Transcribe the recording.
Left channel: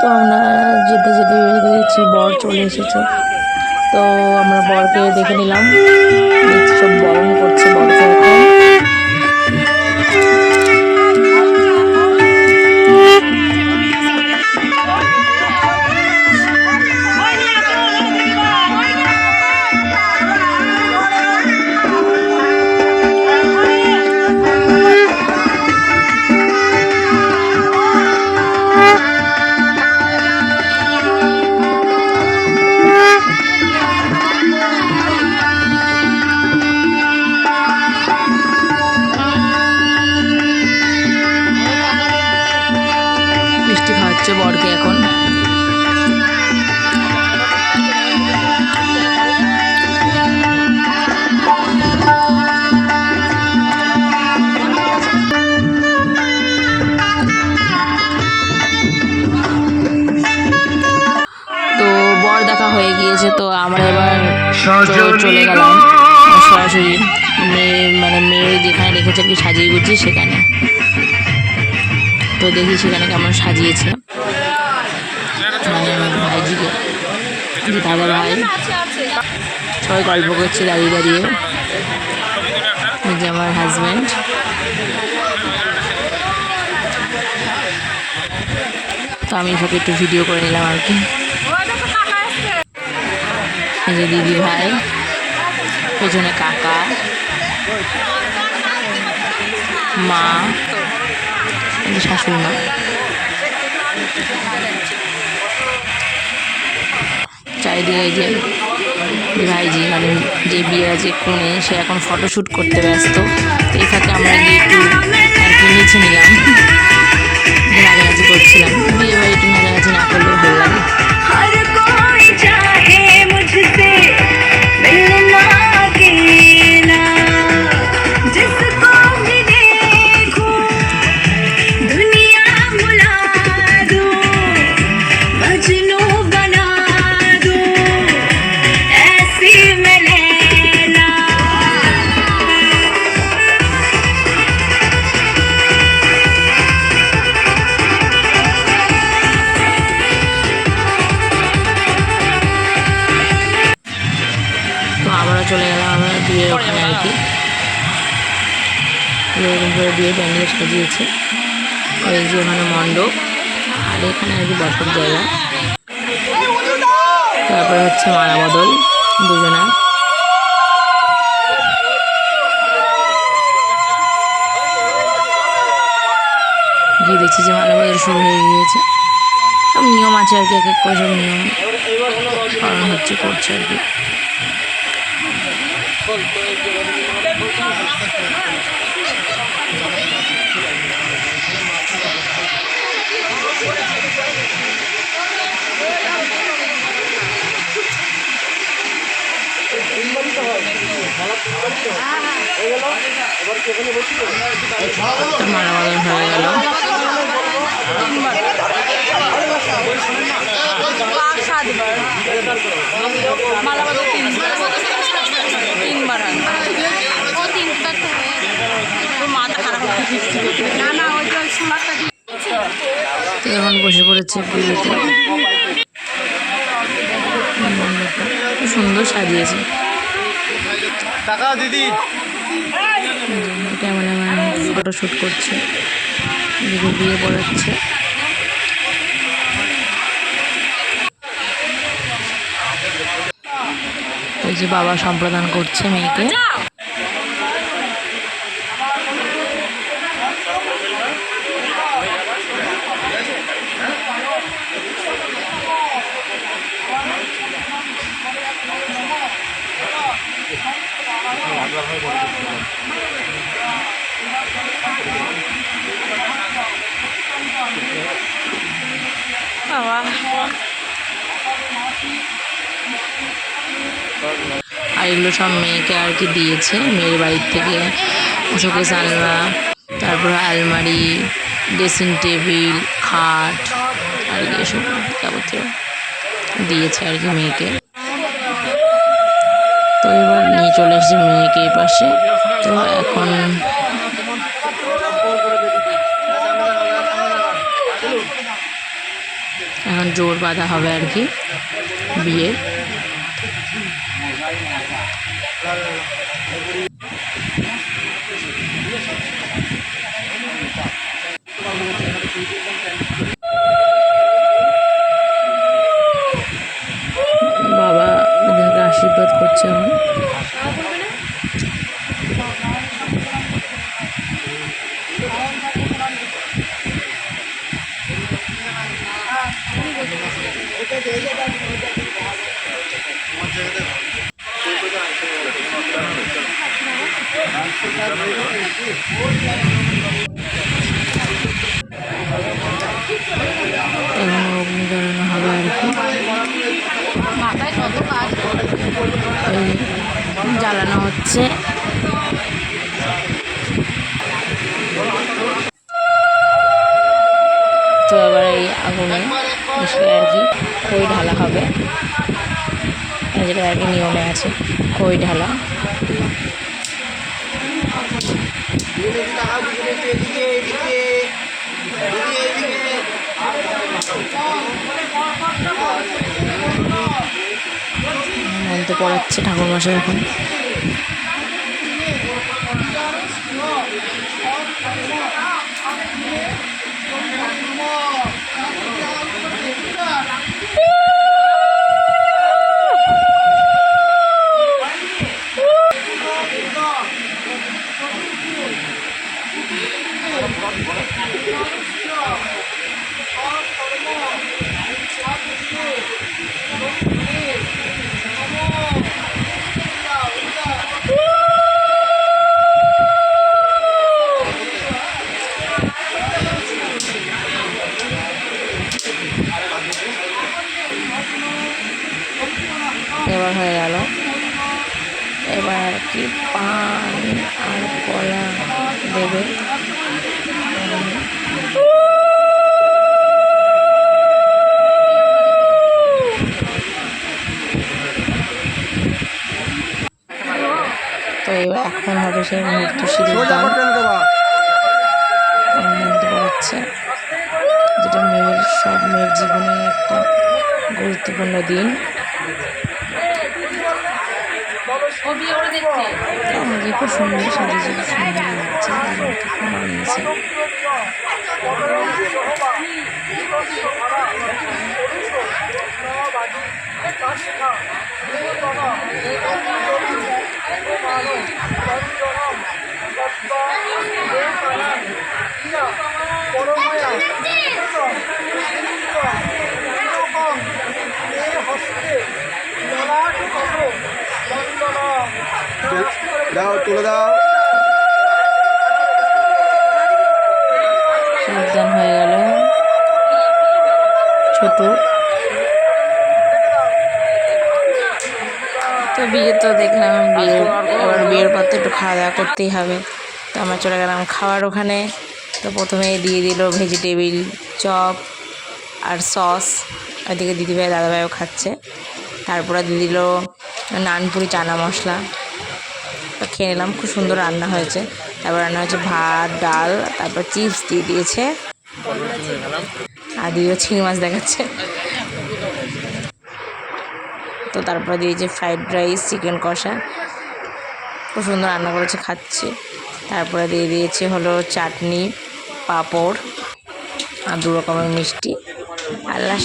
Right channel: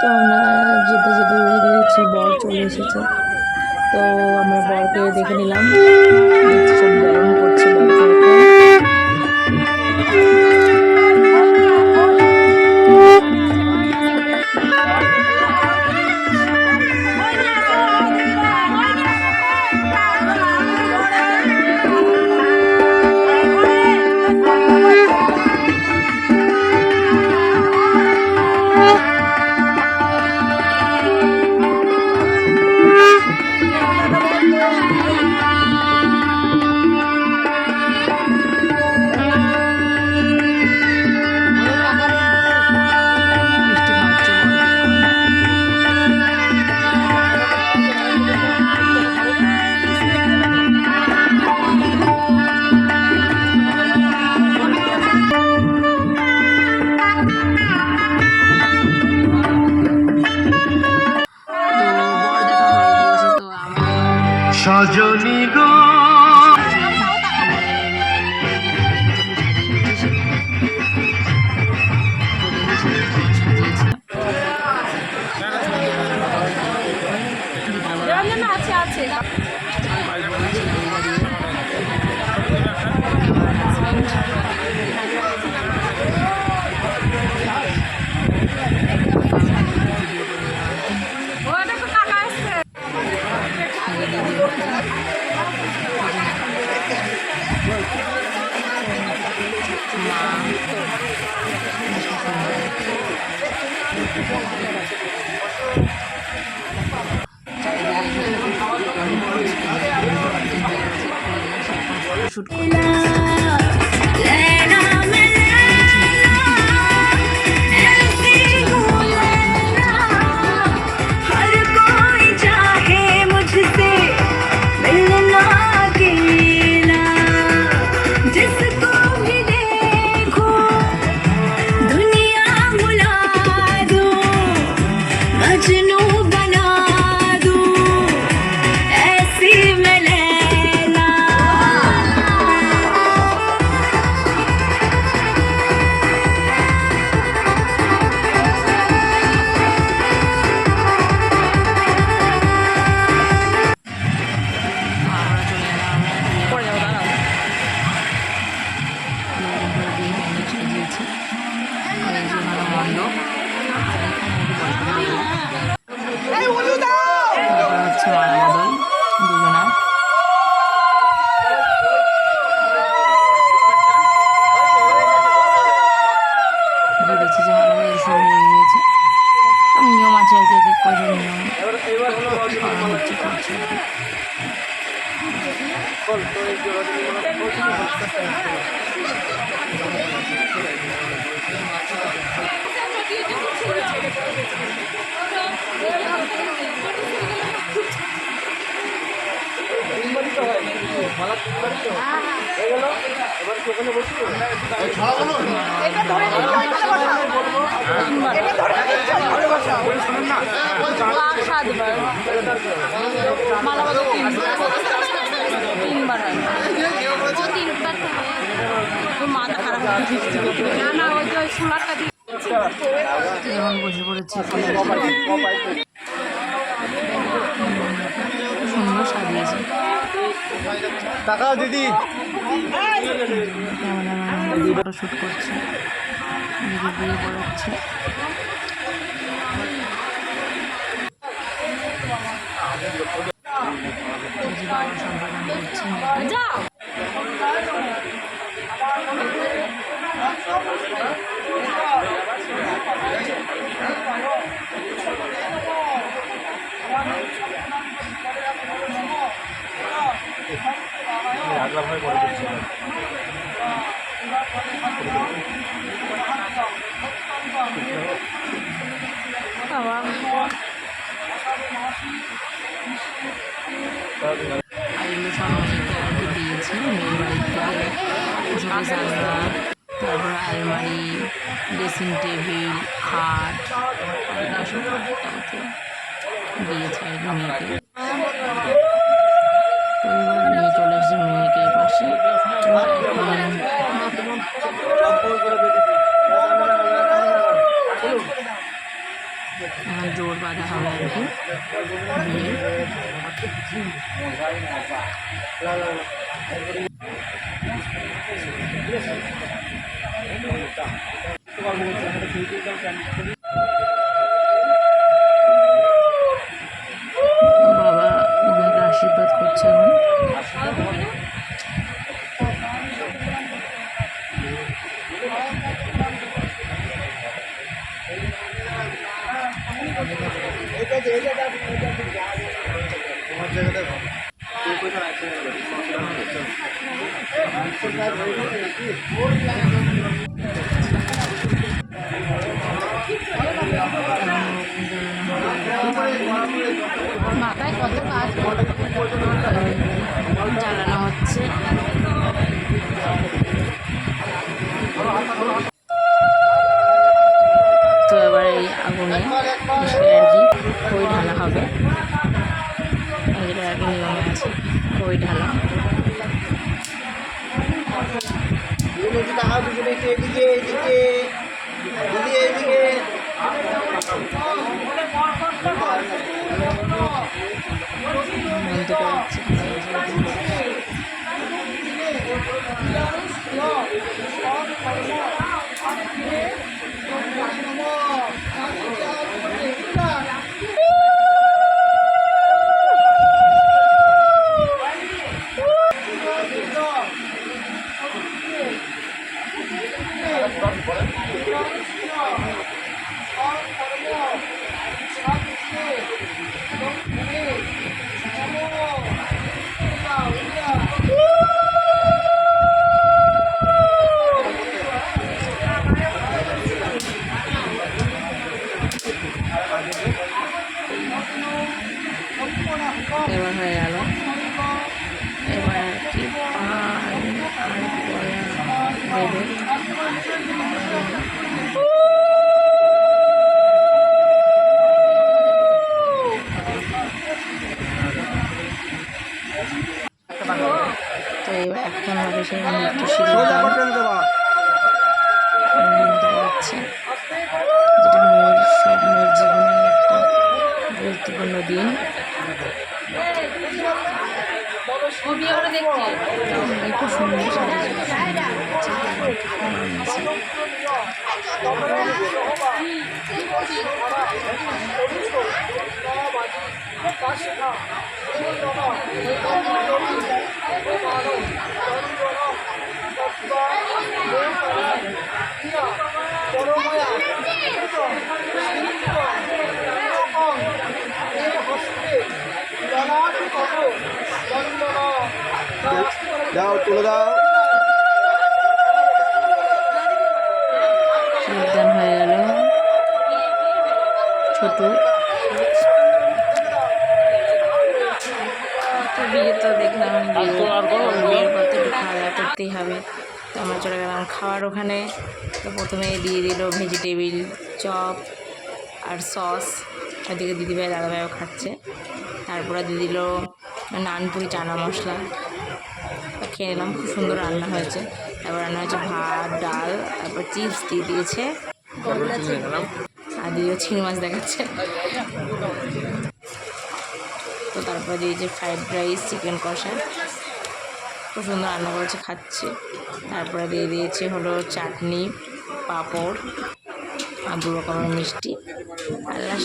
তো আমরা যেতে যেতে দেখছি বর চলে এসেছে। তো আমরা বরকে দেখে নিলাম, দেখছি সব বরণ করছে বরকে এখন। মিষ্টি খাওয়াচ্ছে বরকে এখন। তো বর দেখা হয়ে গিয়েছে, তো আমরা এবার চলে গেলাম সরাসরি মেয়ে যেখানে রেখেছে কি সাজিয়ে গুছিয়ে সেখানে। তো দেখি সেখানে কেমন সাজিয়েছে ভাইজিকে, দাদা ভাই সবাই গল্প করছে দাঁড়িয়ে দাঁড়িয়ে। এই যে আমার হাজব্যান্ড, তো আমি এখানে একটু ভিডিও করে নিলাম আর কি। এই যে দিদি ভাই, পেছনে কাকা, মা, শাশুড়ি মা, চারিদিকে এই যে ভাইজি মানে যে বিয়ে আছে একটু নেই, সে এখন ফটোশ্যুট করতে ব্যস্ত। এই ফাঁকে আমরা নিচে নিলাম, নাচানাচি করছিলাম। বিয়ে বাড়ি একটু নাচানাচি না করলেও ভালো লাগে। চলে গেলাম আমরা বিয়ের ওখানে আর কি। এরকম করে বিয়ে প্যান্ডেল সাজিয়েছে। ওই যে ওখানে মণ্ডপ, আর এখানে আর কি বসার জায়গা। তারপরে হচ্ছে মালা বদল দুজনা। গিয়ে দেখছি যে মালা বদল শুরু হয়ে গিয়েছে। সব নিয়ম আছে আর কি, এক এক করে সব নিয়ম পালন হচ্ছে, করছে আর কি। এখন বসে পড়েছে পুজোতে, সুন্দর সাজিয়েছে। ক্যামেরাম্যান ফটোশ্যুট করছে, এদিকে বিয়ে পড়াচ্ছে। এই যে বাবা সম্প্রদান করছে মেয়েকে। আর এগুলো সব মেয়েকে আর কি দিয়েছে মেয়ের বাড়ির থেকে। শোকেস আলনা, তারপরে আলমারি, ড্রেসিং টেবিল, খাট আর কি এসব যাবতীয় দিয়েছে আর কি মেয়েকে। তো এবার নিয়ে চলে এসেছে মেয়েকে এই পাশে। তো এখন এখন জোর বাঁধা হবে আর কি বিয়ের। বাবা এদেরকে আশীর্বাদ করছে এখন। এখন অগ্নি জ্বালানো হবে আর কি, জ্বালানো হচ্ছে। তো এবার এই আগুনে আর কি খই ঢালা হবে, যেটা আর কি নিয়মে আছে খই ঢালা। মন্ত্র পড়াচ্ছে ঠাকুরমশাই এখন। এবার হয়ে গেল। এবার আর কি পান আর কলা দেবে। তো এবার এখন হবে সেই মুহূর্ত সিঁদুর দান মন্ত্র পড়াচ্ছে, যেটা সব মেয়ের জীবনে একটা গুরুত্বপূর্ণ দিন। আমাদের খুব সুন্দর সাজিয়েছে, সুন্দর লাগছে, মানিয়েছে। দাও তুলে দাও। যোগদান হয়ে গেল ছোট। তো বিয়ে তো দেখলাম, বিয়ের পর তো একটু খাওয়া দাওয়া করতেই হবে। তো আমরা চলে গেলাম খাওয়ার ওখানে। তো প্রথমেই দিয়ে দিল ভেজিটেবিল চপ আর সস, এদিকে দিদিভাই দাদাভাইও খাচ্ছে। তারপরে দিয়ে দিল নানপুরি চানা মশলা। তো খেয়ে নিলাম, খুব সুন্দর রান্না হয়েছে। তারপর রান্না হয়েছে ভাত ডাল, তারপর চিপস দিয়ে দিয়েছে আর দিয়ে চিংড়ি মাছ দেখাচ্ছে। তো তারপরে দিয়েছে ফ্রাইড রাইস, চিকেন কষা, খুব সুন্দর রান্না করেছে, খাচ্ছি। তারপরে দিয়ে দিয়েছে হলো চাটনি, পাঁপড় আর 2 রকমের মিষ্টি আর লাস্ট